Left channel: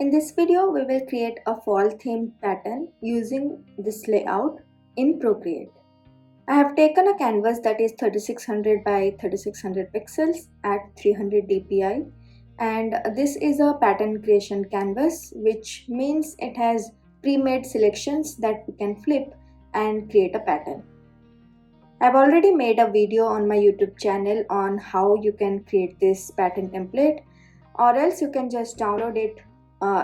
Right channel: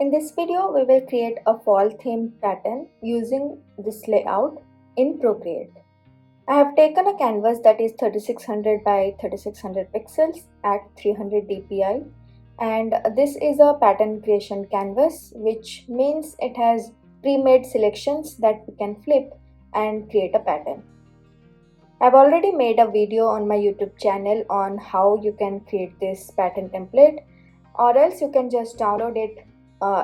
In this video, we will create a fall theme pattern using this layout in Procreate. I have taken a canvas that is 3600 by 3600 pixels at 300 dpi, and this is a pattern creation canvas, which means it has pre-made selections that we can flip and create a pattern. I've already made a video on my YouTube channel on how you can create this pattern template, or else you can just download it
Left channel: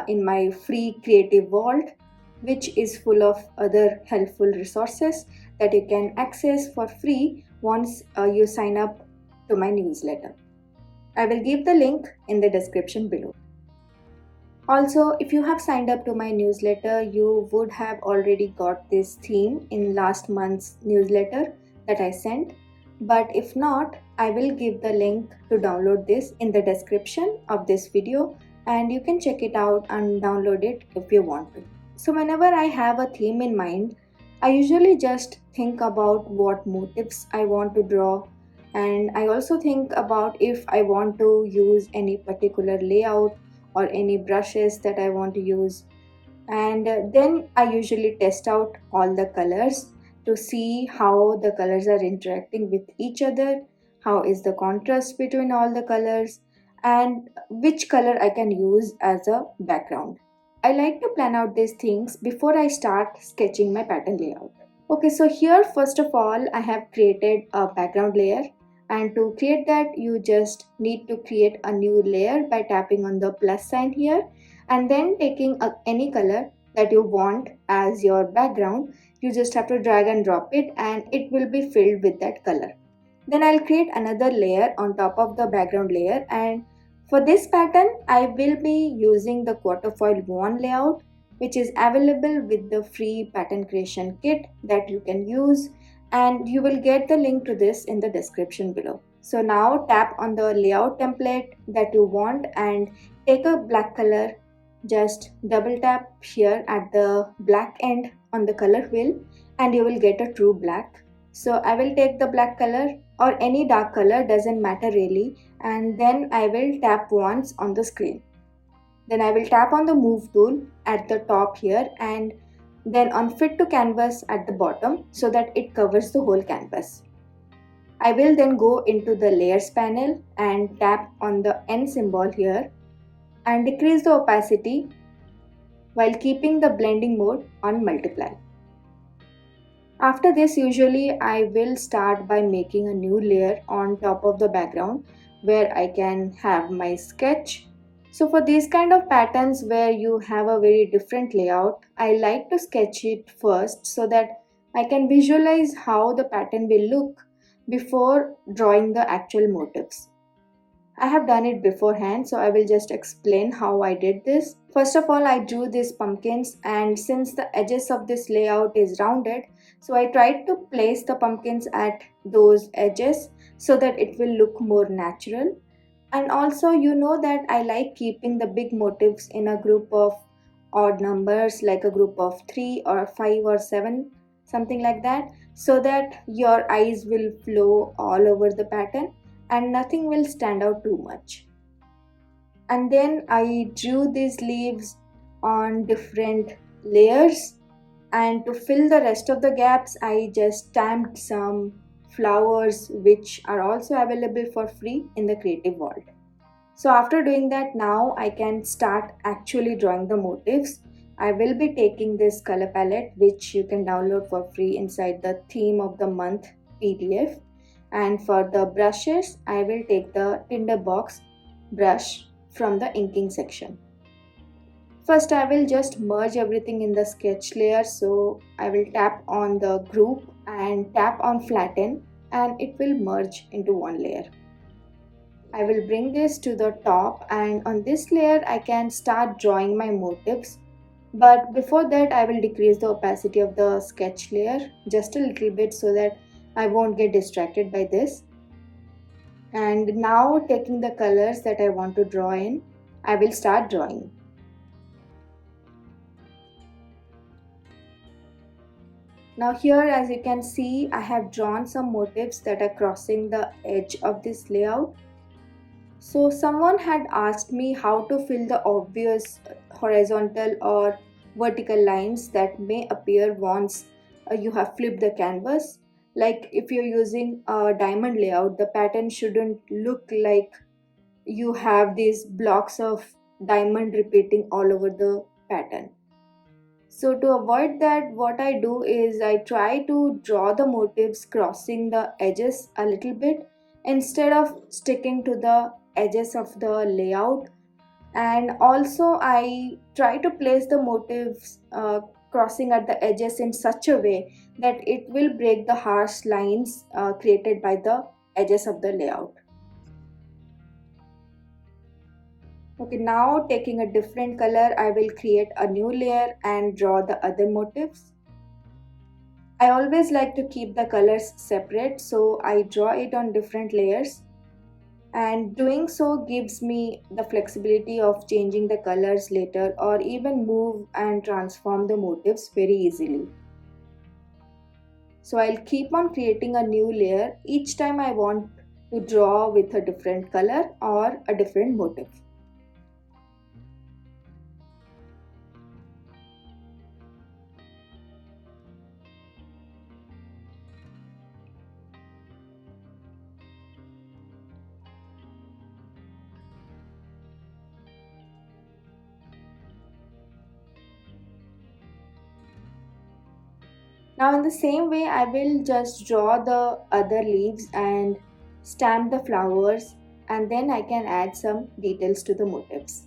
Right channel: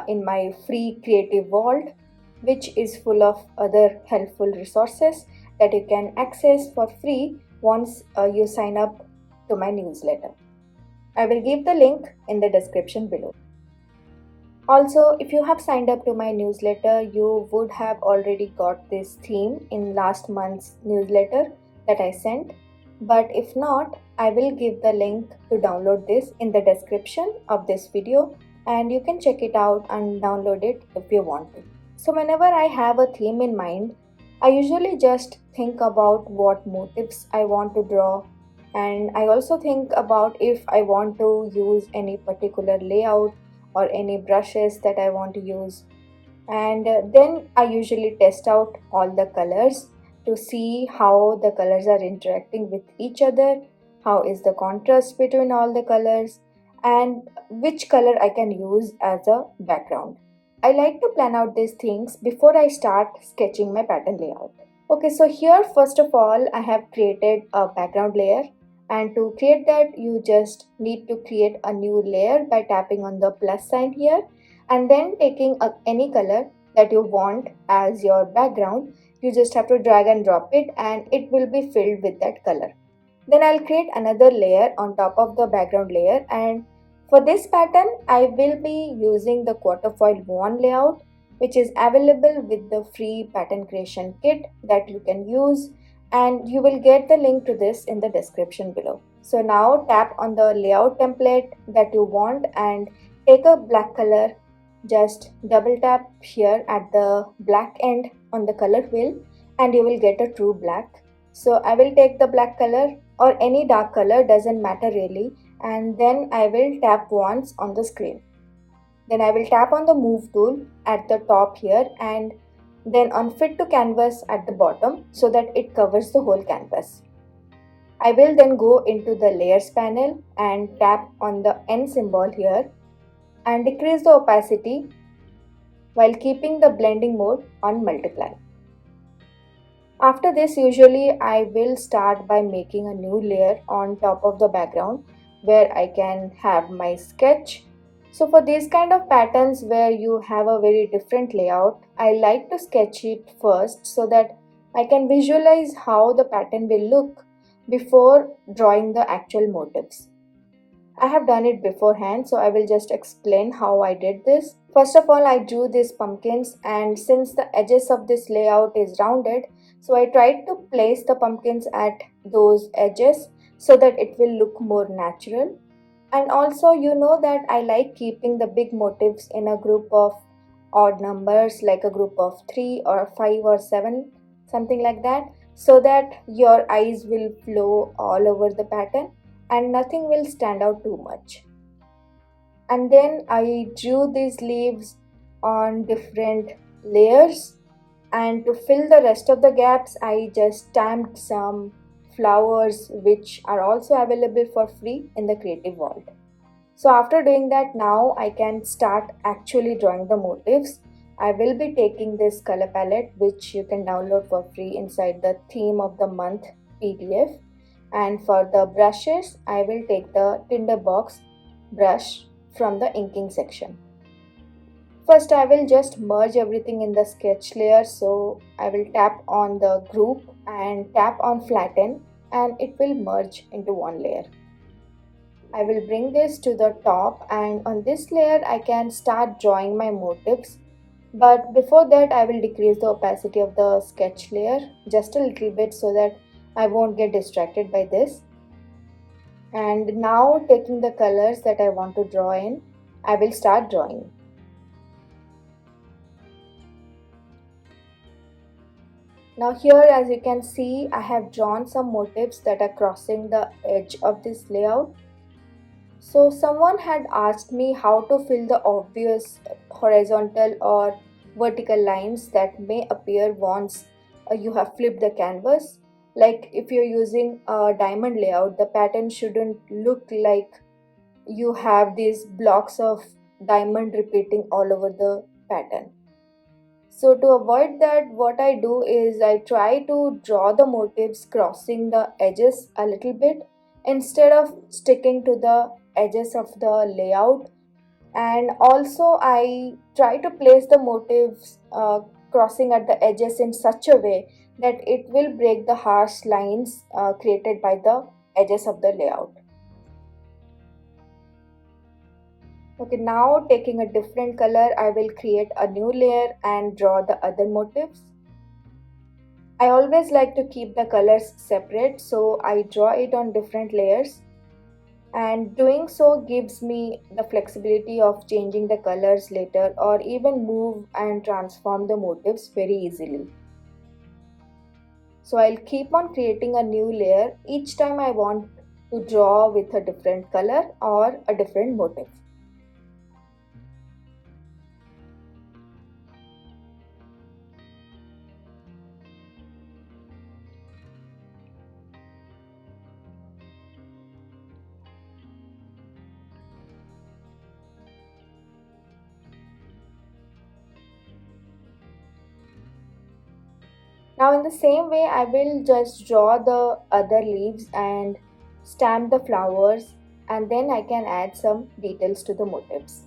in my free creative vault, which is full of other helpful resources that you can access for free once you sign up to my newsletter. I will give the link in the description below. Also, if you have signed up to my newsletter, you would have already got this theme in last month's newsletter that I sent. But if not, I will give the link to download this in the description of this video, and you can check it out and download it if you want to. So whenever I have a theme in mind, I usually just think about what motifs I want to draw, and I also think about if I want to use any particular layout or any brushes that I want to use. And then I usually test out all the colors to see how the colors are interacting with each other, how is the contrast between all the colors, and which color I can use as a background. I like to plan out these things before I start sketching my pattern layout. Okay, so here first of all I have created a background layer, and to create that you just need to create a new layer by tapping on the plus sign here and then taking any color that you want as your background. You just have to drag and drop it and it will be filled with that color. Then I'll create another layer on top of the background layer, and for this pattern I will be using the Quatrefoil 1 layout, which is available with the free pattern creation kit that you can use, and you will get the link to this in the description below. So now tap on the layout template that you want and take a black color. Just double tap here at the black end on the color wheel and you will get a true black. So I will take the black color or any dark color, doesn't matter really, and then I will tap once on the screen. Then I will tap on the move tool at the top here and then on fit to canvas at the bottom so that it covers the whole canvas. I will then go into the layers panel and tap on the N symbol here and decrease the opacity while keeping the blending mode on multiply. After this, usually I will start by making a new layer on top of the background where I can have my sketch. So for these kind of patterns where you have a very different layout, I like to sketch it first so that I can visualize how the pattern will look before drawing the actual motifs. I have done it beforehand, so I will just explain how I did this. First of all, I drew these pumpkins, and since the edges of this layout is rounded, so I tried to place the pumpkins at those edges so that it will look more natural. And also, you know that I like keeping the big motifs in a group of odd numbers, like a group of 3 or 5 or 7, something like that, so that your eyes will flow all over the pattern and nothing will stand out too much. And then I drew these leaves on different layers, and to fill the rest of the gaps I just stamped some flowers which are also available for free in the creative vault. So after doing that, now I can start actually drawing the motifs. I will be taking this color palette which you can download for free inside the theme of the month PDF, and for the brushes I will take the tinderbox brush from the inking section. First I will just merge everything in the sketch layer, so I will tap on the group and tap on flatten and it will merge into one layer. I will bring this to the top, and on this layer I can start drawing my motifs, but before that I will decrease the opacity of the sketch layer just a little bit so that I won't get distracted by this. And now taking the colors that I want to draw in, I will start drawing. Now here, as you can see, I have drawn some motifs that are crossing the edge of this layout. So someone had asked me how to fill the obvious horizontal or vertical lines that may appear once you have flipped the canvas. Like if you're using a diamond layout, the pattern shouldn't look like you have these blocks of diamond repeating all over the pattern. So to avoid that, what I do is I try to draw the motifs crossing the edges a little bit instead of sticking to the edges of the layout. And also I try to place the motifs crossing at the edges in such a way that it will break the harsh lines created by the edges of the layout. Okay, now taking a different color, I will create a new layer and draw the other motifs. I always like to keep the colors separate, so I draw it on different layers, and doing so gives me the flexibility of changing the colors later or even move and transform the motifs very easily. So I'll keep on creating a new layer each time I want to draw with a different color or a different motif. Now in the same way, I will just draw the other leaves and stamp the flowers, and then I can add some details to the motifs.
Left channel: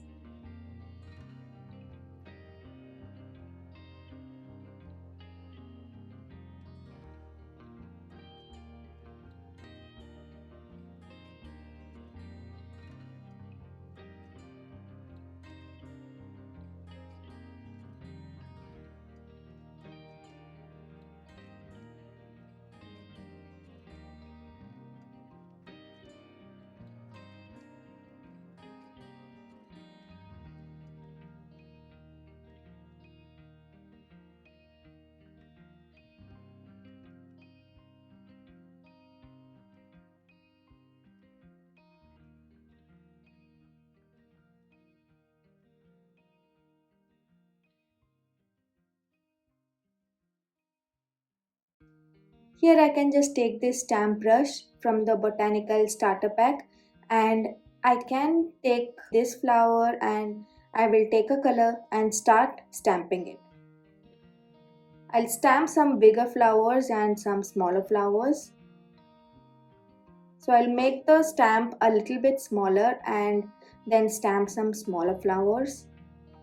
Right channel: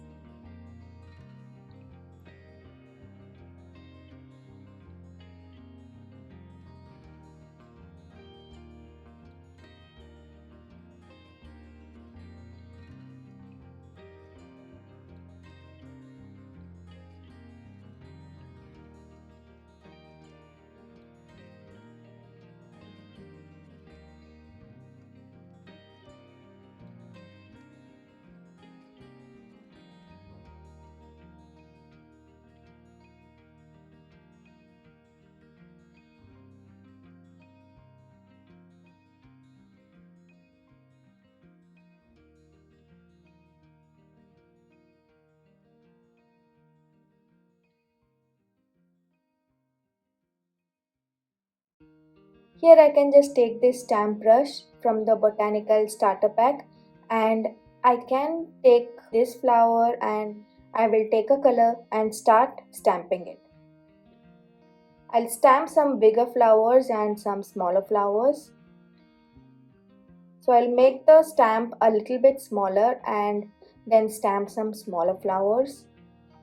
Here I can just take this stamp brush from the botanical starter pack, and I can take this flower and I will take a color and start stamping it. I'll stamp some bigger flowers and some smaller flowers. So I'll make the stamp a little bit smaller and then stamp some smaller flowers.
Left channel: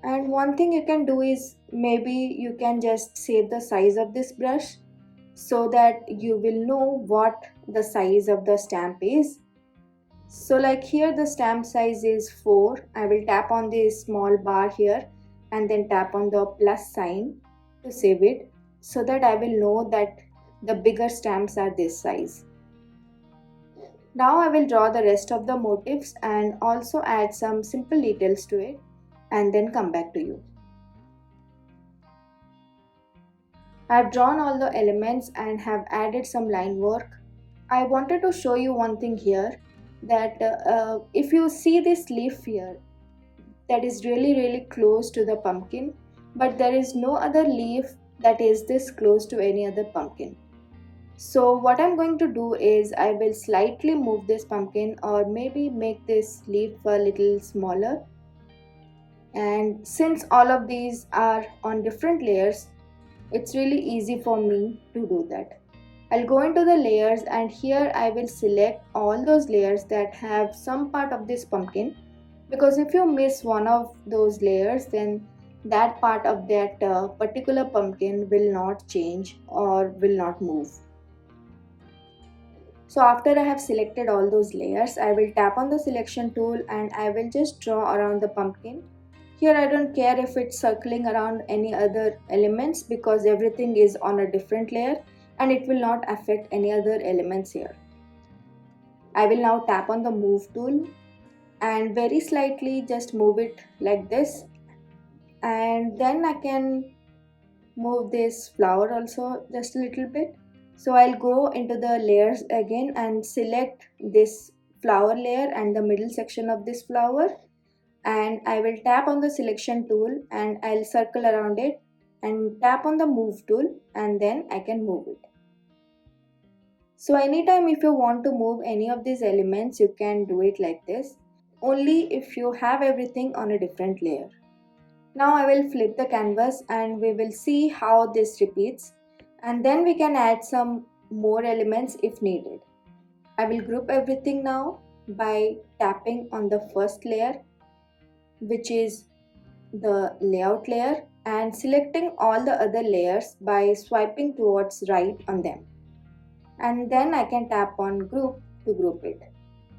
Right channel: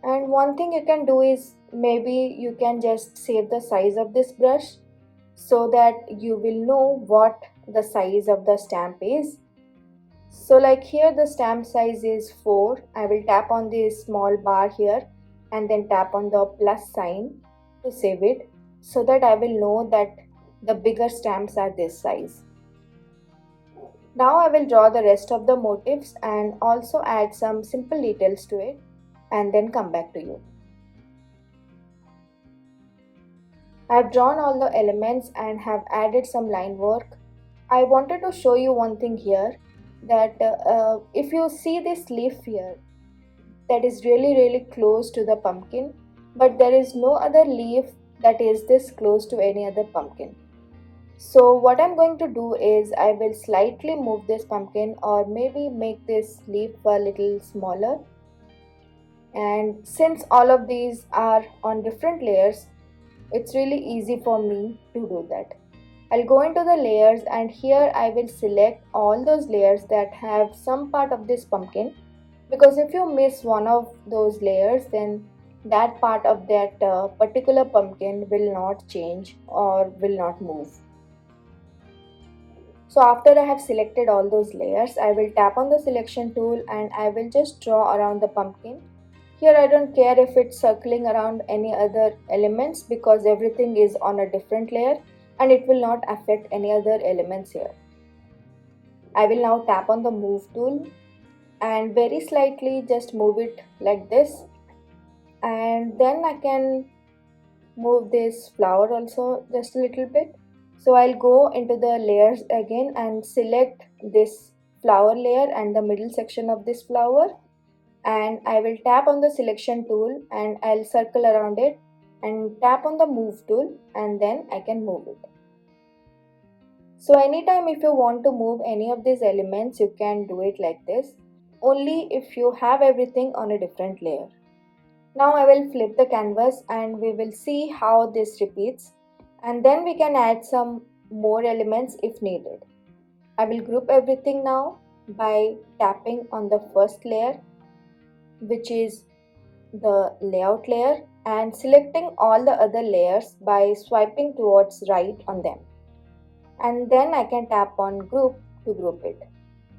And one thing you can do is maybe you can just save the size of this brush so that you will know what the size of the stamp is. So like here the stamp size is 4. I will tap on this small bar here and then tap on the plus sign to save it so that I will know that the bigger stamps are this size. Now I will draw the rest of the motifs and also add some simple details to it and then come back to you. I have drawn all the elements and have added some line work. I wanted to show you one thing here, that if you see this leaf here that is really close to the pumpkin, but there is no other leaf that is this close to any other pumpkin. So what I'm going to do is I will slightly move this pumpkin or maybe make this leaf a little smaller, and since all of these are on different layers, it's really easy for me to do that. I'll go into the layers and here I will select all those layers that have some part of this pumpkin, because if you miss one of those layers, then that part of that particular pumpkin will not change or will not move. So after I have selected all those layers, I will tap on the selection tool and I will just draw around the pumpkin. Here I don't care if it's circling around any other elements because everything is on a different layer and it will not affect any other elements here. I will now tap on the move tool and very slightly just move it like this, and then I can move this flower also just a little bit. So I'll go into the layers again and select this flower layer and the middle section of this flower, and I will tap on the selection tool and I'll circle around it and tap on the move tool, and then I can move it. So anytime if you want to move any of these elements, you can do it like this, only if you have everything on a different layer. Now I will flip the canvas and we will see how this repeats, and then we can add some more elements if needed. I will group everything now by tapping on the first layer, which is the layout layer, and selecting all the other layers by swiping towards right on them. And then I can tap on group to group it.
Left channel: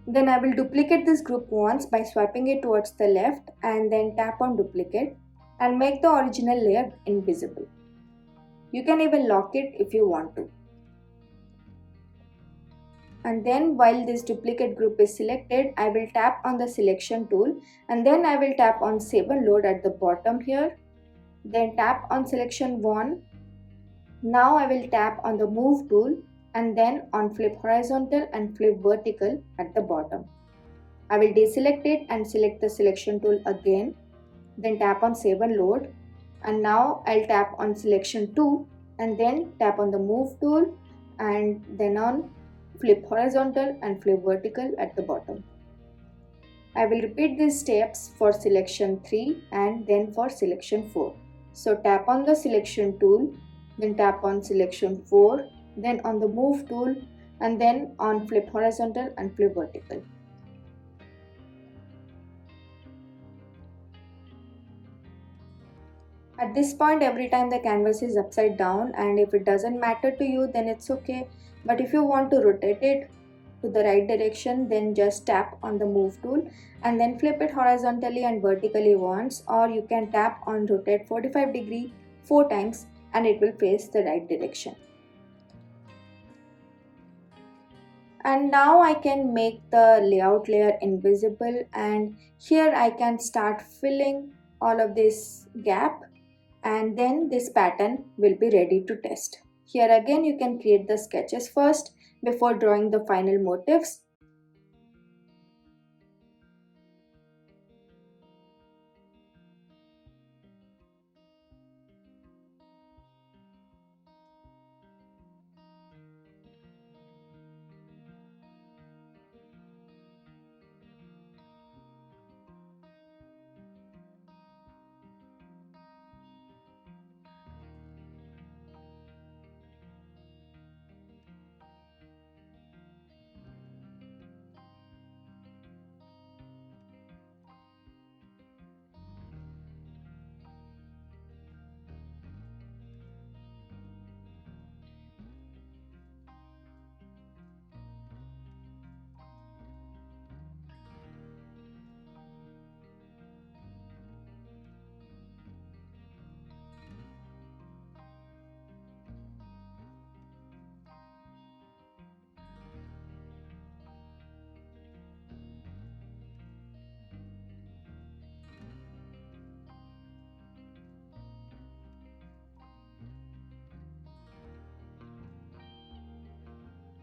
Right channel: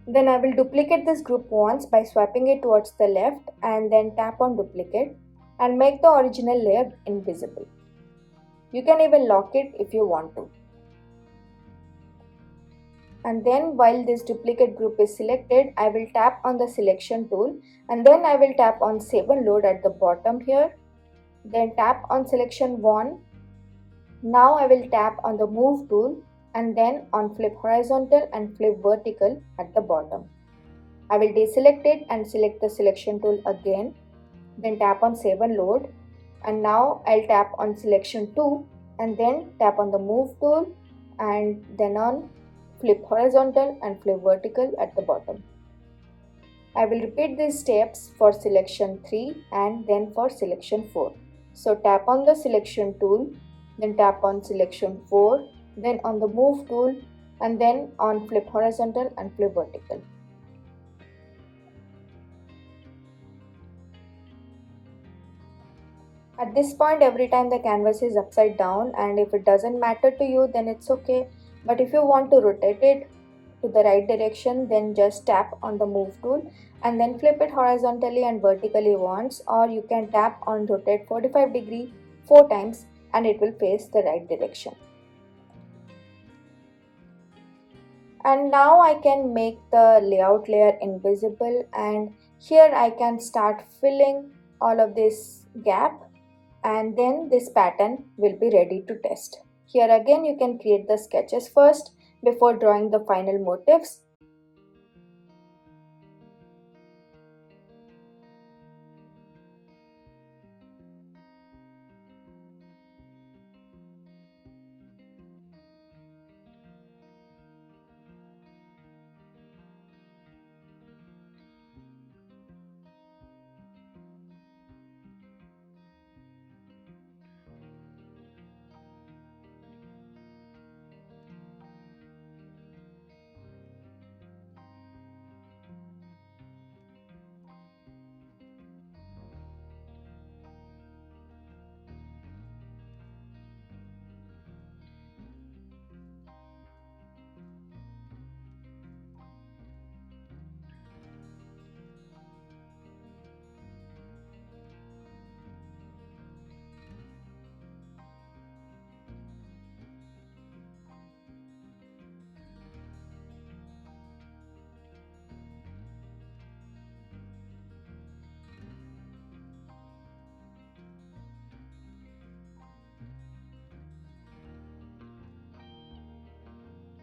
Then I will duplicate this group once by swiping it towards the left and then tap on duplicate and make the original layer invisible. You can even lock it if you want to. And then while this duplicate group is selected, I will tap on the selection tool and then I will tap on save and load at the bottom here. Then tap on selection 1. Now I will tap on the move tool and then on flip horizontal and flip vertical at the bottom. I will deselect it and select the selection tool again. Then tap on save and load, and now I'll tap on selection 2 and then tap on the move tool and then on flip horizontal and flip vertical at the bottom. I will repeat these steps for selection 3 and then for selection 4. So tap on the selection tool, then tap on selection 4, then on the move tool and then on flip horizontal and flip vertical. At this point, every time the canvas is upside down, and if it doesn't matter to you, then it's okay. But if you want to rotate it to the right direction, then just tap on the move tool and then flip it horizontally and vertically once, or you can tap on rotate 45 degree 4 times and it will face the right direction. And now I can make the layout layer invisible, and here I can start filling all of this gap, and then this pattern will be ready to test. Here again you can create the sketches first before drawing the final motifs.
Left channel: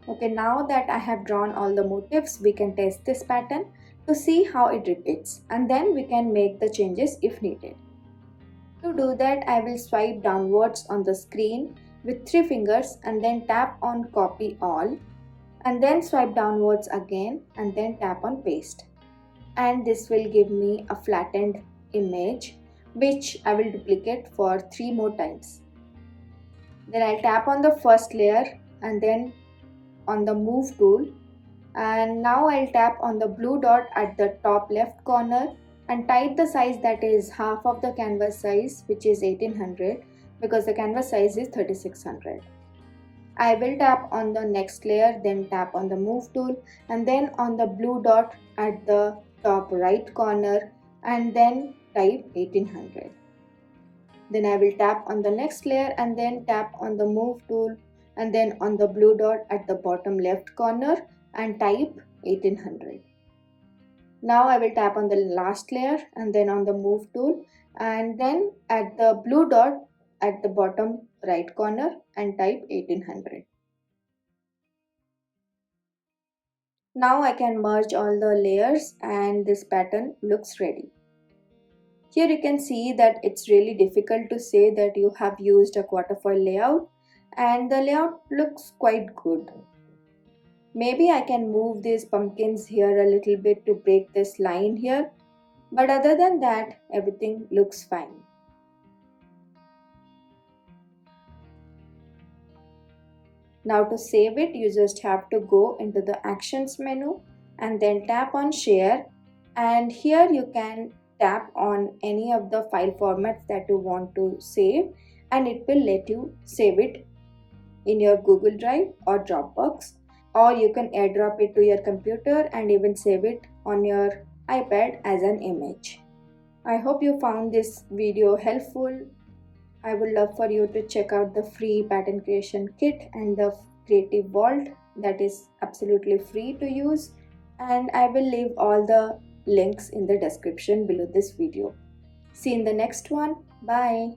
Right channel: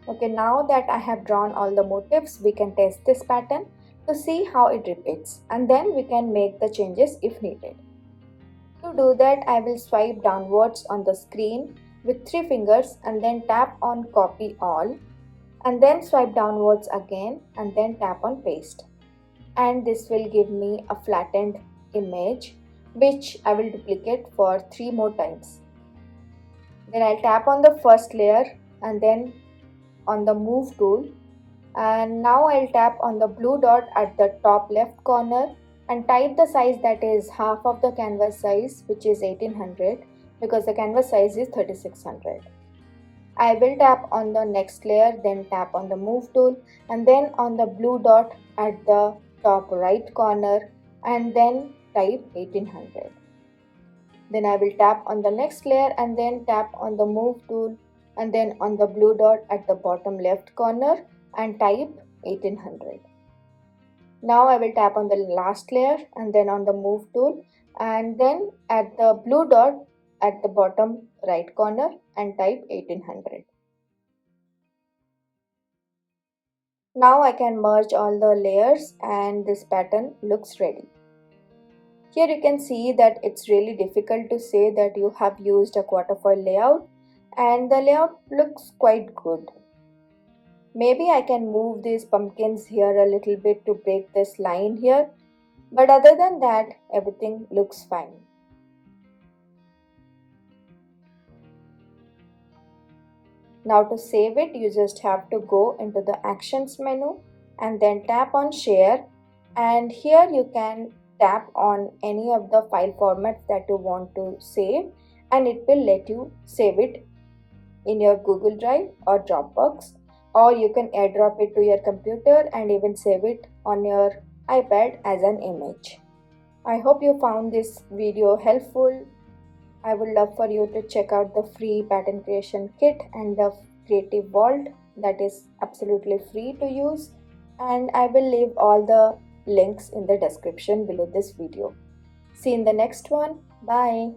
Okay, now that I have drawn all the motifs, we can test this pattern to see how it repeats, and then we can make the changes if needed. To do that, I will swipe downwards on the screen with 3 fingers and then tap on copy all, and then swipe downwards again and then tap on paste. And this will give me a flattened image which I will duplicate for 3 more times. Then I'll tap on the first layer and then on the move tool, and now I'll tap on the blue dot at the top left corner and type the size that is half of the canvas size, which is 1800, because the canvas size is 3600. I will tap on the next layer, then tap on the move tool and then on the blue dot at the top right corner and then type 1800. Then I will tap on the next layer and then tap on the move tool and then on the blue dot at the bottom left corner and type 1800. Now I will tap on the last layer and then on the move tool and then at the blue dot at the bottom right corner and type 1800. Now I can merge all the layers and this pattern looks ready. Here you can see that it's really difficult to say that you have used a Quatrefoil layout, and the layout looks quite good. Maybe I can move these pumpkins here a little bit to break this line here, but other than that, everything looks fine. Now to save it, you just have to go into the Actions menu and then tap on Share, and here you can tap on any of the file formats that you want to save, and it will let you save it in your Google Drive or Dropbox, or you can airdrop it to your computer and even save it on your iPad as an image. I hope you found this video helpful. I would love for you to check out the free pattern creation kit and the creative vault that is absolutely free to use, and I will leave all the links in the description below this video. See you in the next one. Bye.